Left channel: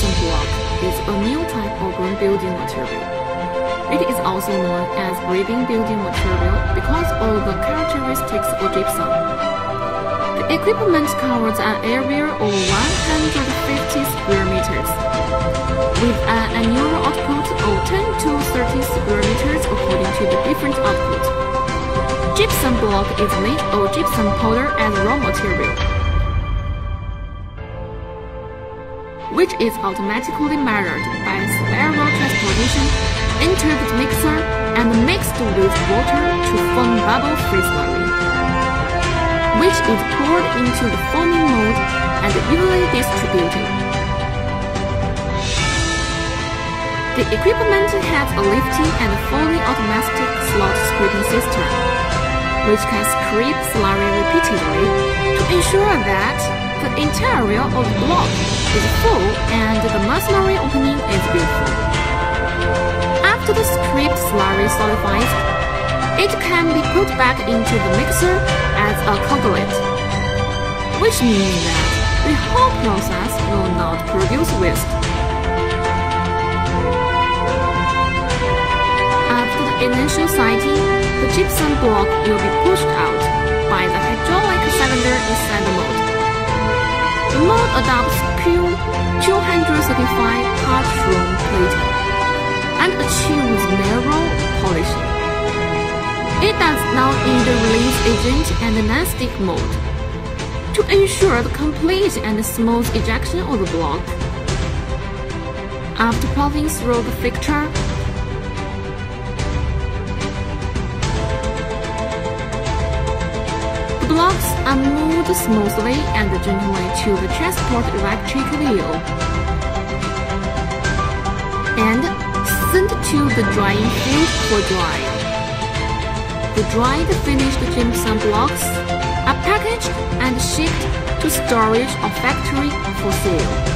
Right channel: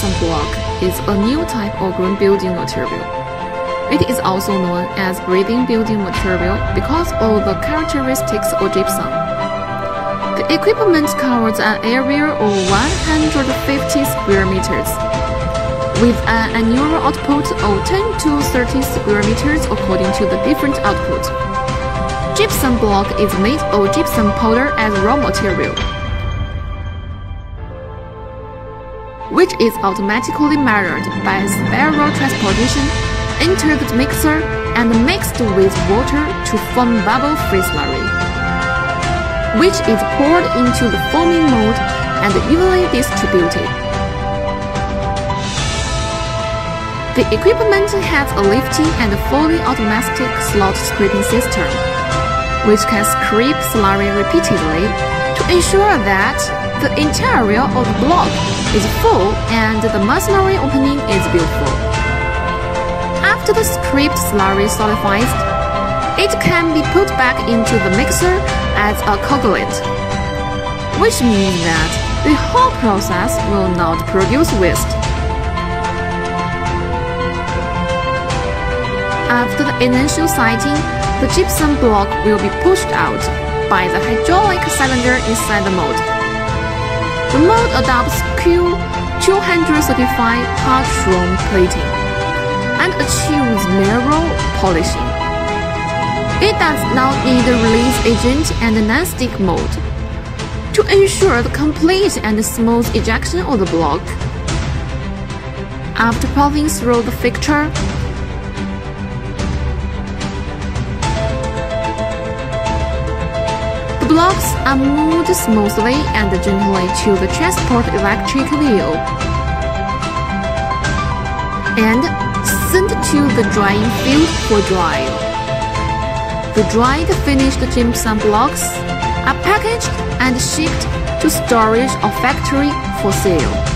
gypsum block is a new type of green building material. It is also known as breathing building material because of the characteristics of gypsum. The equipment covers an area of 150 square meters, with an annual output of 10 to 30 square meters according to the different output. Gypsum block is made of gypsum powder as raw material, which is automatically measured by spiral transportation, entered the mixer, and mixed with water to form bubble-free slurry, which is poured into the forming mold and evenly distributed. The equipment has a lifting and fully automatic slot scraping system, which can scrape slurry repeatedly to ensure that the interior of the block is full and the masonry opening is beautiful. After the scraped slurry solidifies, it can be put back into the mixer as a coagulate, which means that the whole process will not produce waste. After the initial sighting, the gypsum block will be pushed out by the hydraulic cylinder inside the mold. The mold adopts Q235 hot room plating and achieves narrow polishing. It does not need a release agent and a non-stick mold to ensure the complete and smooth ejection of the block. After passing through the fixture, the blocks are moved smoothly and gently to the transport electric wheel and sent to the drying field for drying. The dried finished gypsum blocks are packaged and shipped to storage or factory for sale.